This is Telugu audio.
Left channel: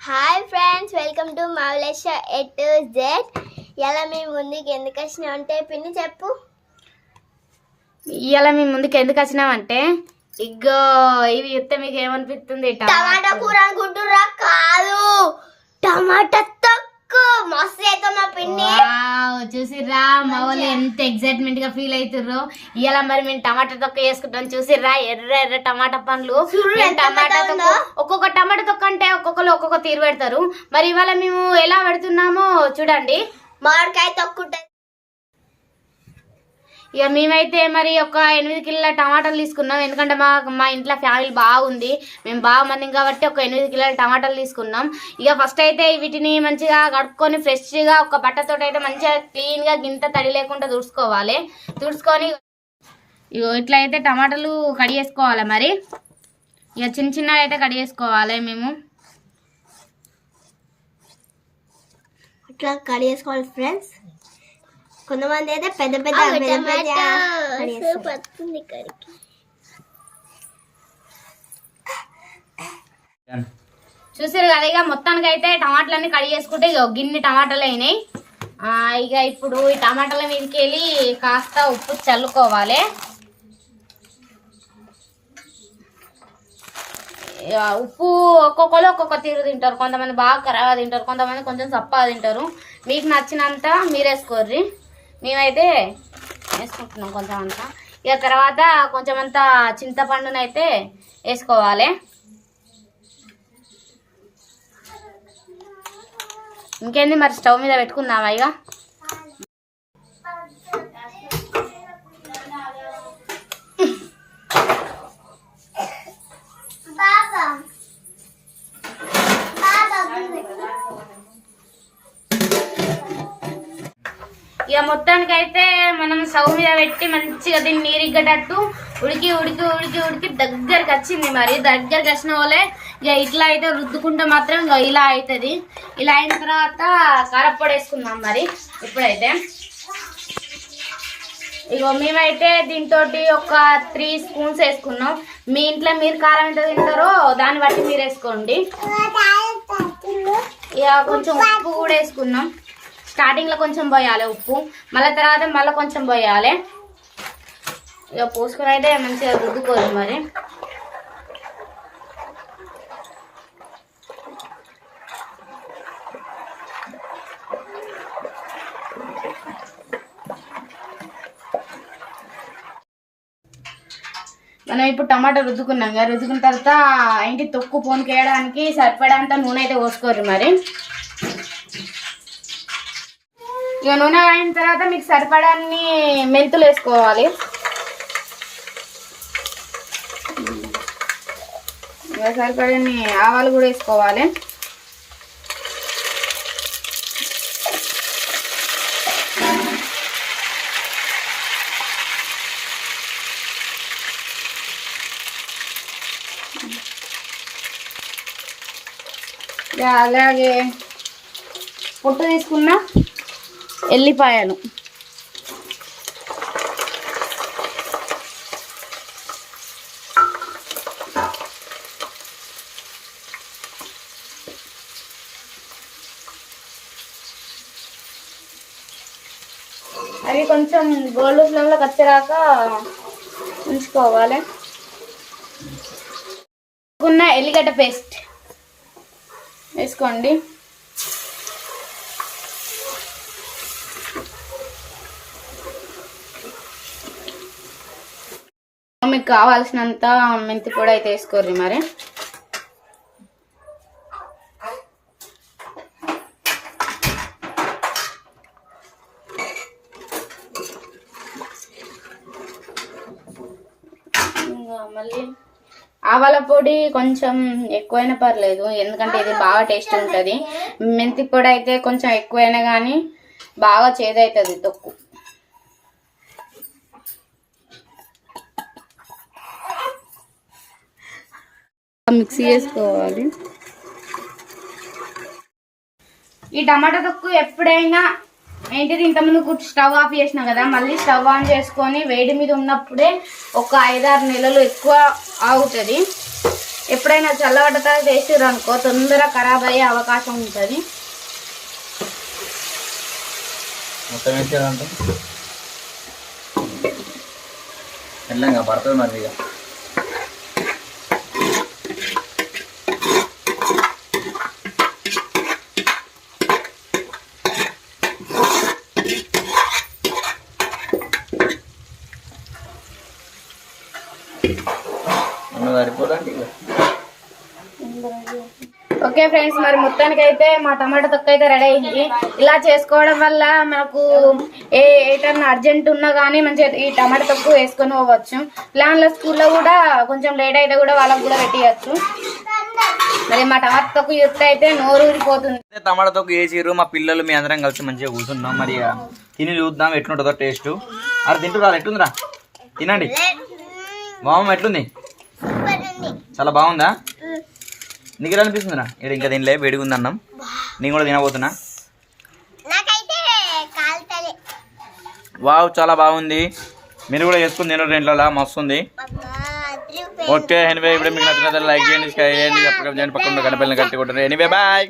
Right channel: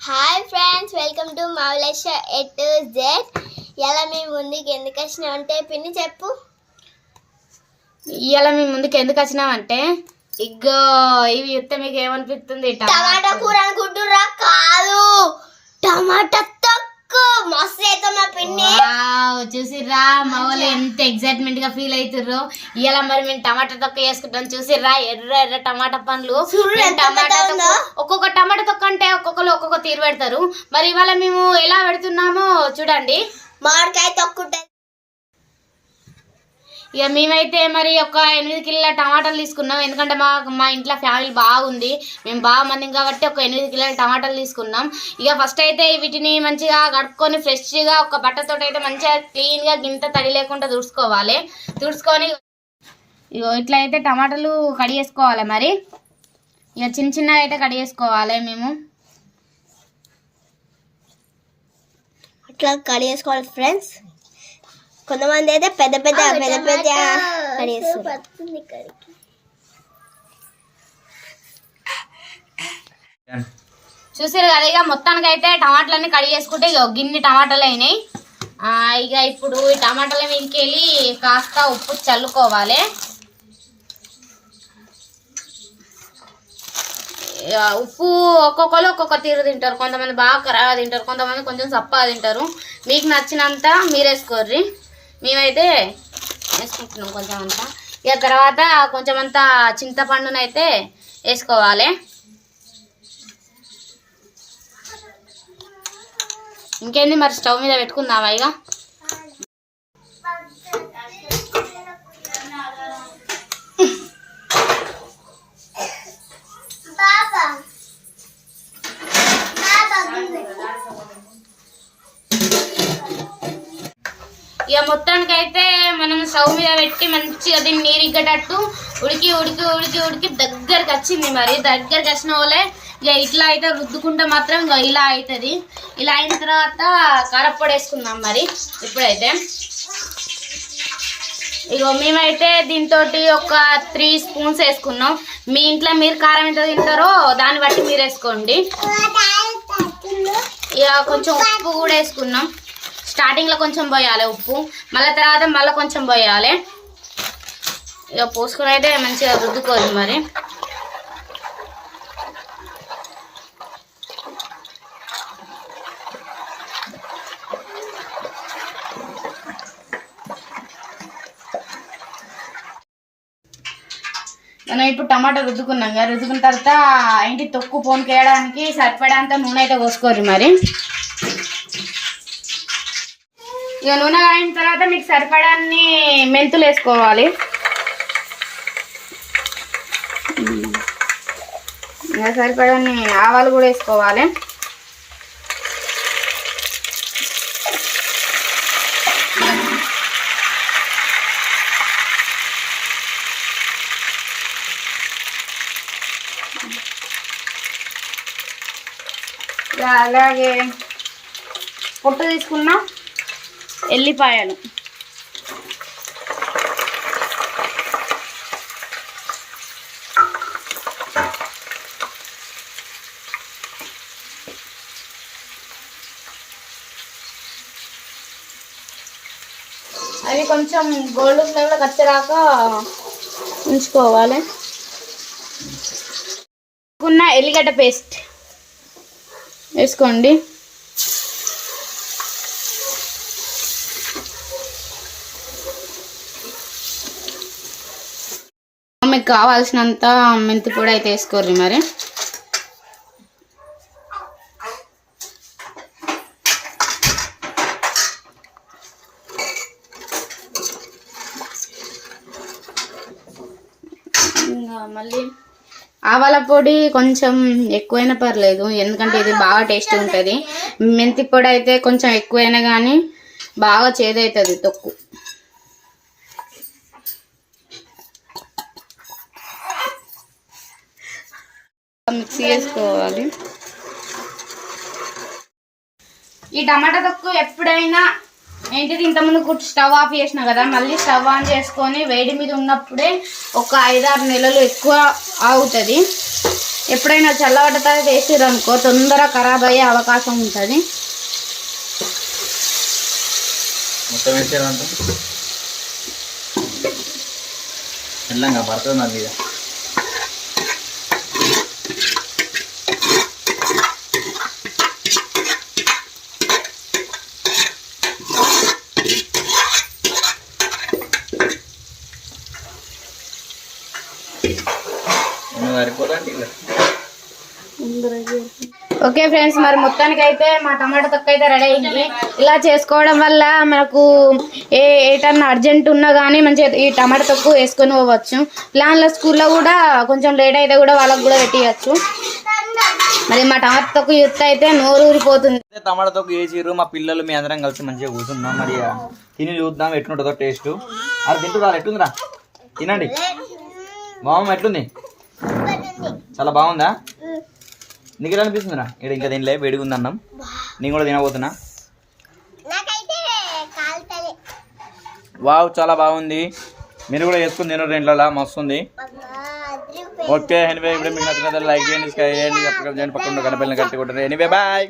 Hi friends welcome to Moulesha A to Z ఇలా మేము ముందుకు ఎందుకు వచ్చినాం అంటే పిన్ని చెప్పు. ఇవాళ మీ ముందుకు ఎందుకు వచ్చినామంటే ఇగ్గో ఇవి చెప్తే మీకు ఏమనిపిస్తుంది టమాటా కూర అనుకుంటుర్రా? కాదు. టమాటా చూసిర్రా మా వాళ్ళు ఎంత ఎక్సైట్మెంట్గా ఫీల్ అవుతుర్రు ఇవాళ మరి మేము టమాటా తొక్క వేసుకుంటాం చూసిర్రా ఎర్ర ఎర్ర టమాటా పండ్లు. టమాటా తొక్క. ఒక్కొక్క టమాటా తొక్క అంటే ఒక్కొక్కరు ఒక్కొక్క తీరు పెడతారు. మరి ఇవాళ మేము ఎలా పెడుతున్నామో చూడండి. మామిడికాయ ఇక మేమైతే మరి ఒక ఎనిమిది కిలోల టమాటాలు తీసుకున్నాం. ఎందుకంటే మా మా ఇంట్లో ఫ్యామిలీ బాగుంది. మేము బాగా మందిం కాబట్టి ఒక ఎనిమిది కిలోల టమాటాలు తీసుకున్నాం. ఇక ఫస్ట్ అయితే వీటిని మంచిగా కడుక్కొని ఫ్రెష్గా ఒక బట్టతో అయితే మంచిగా క్లీన్గా గింత తడి లేకుండా తుడుచుకోవాలి. తుడుచుకొని ఇగో ఇట్లా అయితే టమాటాలు కడిగేసుకోవాలి మరి? ఇక చిన్న చిన్నగా అయితే కడిగేసుకోవాలి మేము. అట్లా కడిగేసుకోవాలి ఫ్రెండ్స్. కొంతమంది అయితే పెద్ద పెద్ద పెద్ద పెద్ద చూసారు కదా ఇక మొత్తానికి అయితే టమాటాలన్నీ కడిగేసుకుంటే ఇక ఒక గిన్నె టమాటాలు అయినాయి. ఆ, ఇక ఇప్పుడు ఈ టమాటాల మీదకి వెళ్ళి కాస్త ఉప్పు చల్లుకోవాలి. ఇక ఉప్పు ఒక్కొక్కరు ఒక్కొక్క తీరు తింటారు. కొంతమంది బాగా కరాగా తింటారు కొంతమంది కొంచెం చప్పగా తింటారు. మీకు నచ్చినంత మీరు వేసుకోర్రి మేమైతే వేసుకుంటున్నాం కొంచెం అంతా. ఇక తర్వాత కొంచెం అంతా చింతపండునైతే వేసుకోవాలి. ఇంకేంది మరి స్టవ్ మీద పెట్టుకుందామా ఇక? మొత్తానికైతే మొత్తానికి అయితే మనం స్టవ్ మీద పెట్టి మంచిగా దీన్ని నీరిగ్గటట్టు ఉడికి ఉడికి ఉడికి ఉడికి దగ్గరికి వచ్చింది మరి. దగ్గరికి వచ్చిన వాళ్ళే ఇక ఇట్లా అయితే రుద్దుకుంటే మాత్రం ఇక ఇలా అవుతుంది. ఇలా అయిన తర్వాత కారప్పొడి వేసుకుందాం మరి ఇప్పుడైతే. ఇగో మేమైతే దీంతో ఒక త్రీ స్పూన్స్ వేసుకున్నాం. మీ ఇంట్లో మీరు కారం ఎంత తింటారో దాన్ని బట్టి మీరు వేసుకోండి. ఇక కొంచెం ఉప్పు కూడా వేసుకున్నాం. స్టార్టింగ్లో కొంచెం పోయాలి ఉప్పు మళ్ళీ తర్వాత మళ్ళీ కొంచెం పోయాలి. ఇక పోసుకొని అయితే మంచిగా రుద్దుకోవాలి మరి. మనం ఇప్పుడు టమాటా రుద్దుకున్నాం కదా రుద్దుకున్న తర్వాత ఏంటి తొక్కు పోనుకేయడానికి సరిపడంత నూనె అయితే పోసుకోరు మరి. ఇక నూనె అయిన తర్వాత మీకు సరిపడాన్ని మెంతులు వేసుకోవాలి. ఇక సరిపడాన్ని ఆవాలు కూడా వేసుకోవాలి. ఇక అలాగే పొట్టు తీసుకున్నా. ఎల్లిపాయలు. అవి కొంచెం గోల్డ్ ఫ్లేమ్లోకి వచ్చేదాక ఉంచుకోవాలి. ఉన్న ఎల్లిగడ్డ పేస్ట్ వేసుకోండి. మీకు కావాల్సినంత మెంతి పొడి అయితే వేసుకోర్రి మరి. ఇంకా మళ్ళీ ఆవాల పొడి కొంచెం ఎక్కువైనా పర్లేదు ఎందుకంటే ఇది బాగా టేస్ట్ ఉంటుంది. మెంతి పొడి అయితే కొంచెం ఎక్కువైనా కానీ బాగా చేదవుతుంది తొక్కు. మిక్సీ వేసుకోవాలి ఈ టమాటా తొక్కు ఎప్పుడైనా ఏంటిది? ఇంతకుముందు స్టవ్ ఆఫ్ చేసిన కదా మళ్ళీ స్టవ్ ఆన్ చేసుకొని వేడి మీద ఉన్నప్పుడే ఒక ఐదారు నెలలు ఎక్కువ ఆగుతుంది. ఎప్పుడైనా చల్లబడ్డ తర్వాత వేసిర్రు అనుకో తొందరగా ఖరాబ్ అయ్యే అవకాశం ఉంటుంది. మొత్తం పడుతుంది మీద? ఓకే ఫ్రెండ్స్ మరి మొత్తానికి అయితే మా టమాటా తొక్క అయితే రెడీ అయింది. ఇలా చేసుకోవడం వల్ల మనకు ఏ ఏటన్నా అర్జెంట్ ఉన్నా కానీ మంచిగా ఈ టమాటా తొక్కు వేసుకొని పోవచ్చు. పిల్లల స్కూల్లో కూడా కొంచెం లేట్ అయితే కూడా వాళ్ళకి కూడా పెట్టియచ్చు. మరి మా టమాటా తొక్కు యుక్త అయితే నూరు ఊరిపోతుంది అయితే టమాటాతో వేసిర్రు మా పిల్లలు మీ అందరం కలిసి మంచిగా కూర్చున్నాం. మరి ఇక తిని చూద్దాం ఎట్లుంటుందో టేస్ట్. అది తింటురా ఎట్లుందిరా? తినండి. మామ ఎట్లుంది? చాలా బాగుందా? నీకు ఎలా అనిపిస్తుందిరా? ఇక్కడ ఇంకా తినలే వేడిగా ఉంది అన్నం నేను కూడా తినబోతున్నా. వావ్ చాలా బాగుంది. మీరు కూడా చేసుకుని తినరు ఇంట్లో మస్తు ఉంది ఓకే ఎనివే ఇప్పుడు మీకు నచ్చిన లైక్ చేయండి షేర్ చేయండి సబ్స్క్రైబ్ చేయండి పక్కన గణపల్లిని కట్టి కొట్టరు ఎనివే బాయ్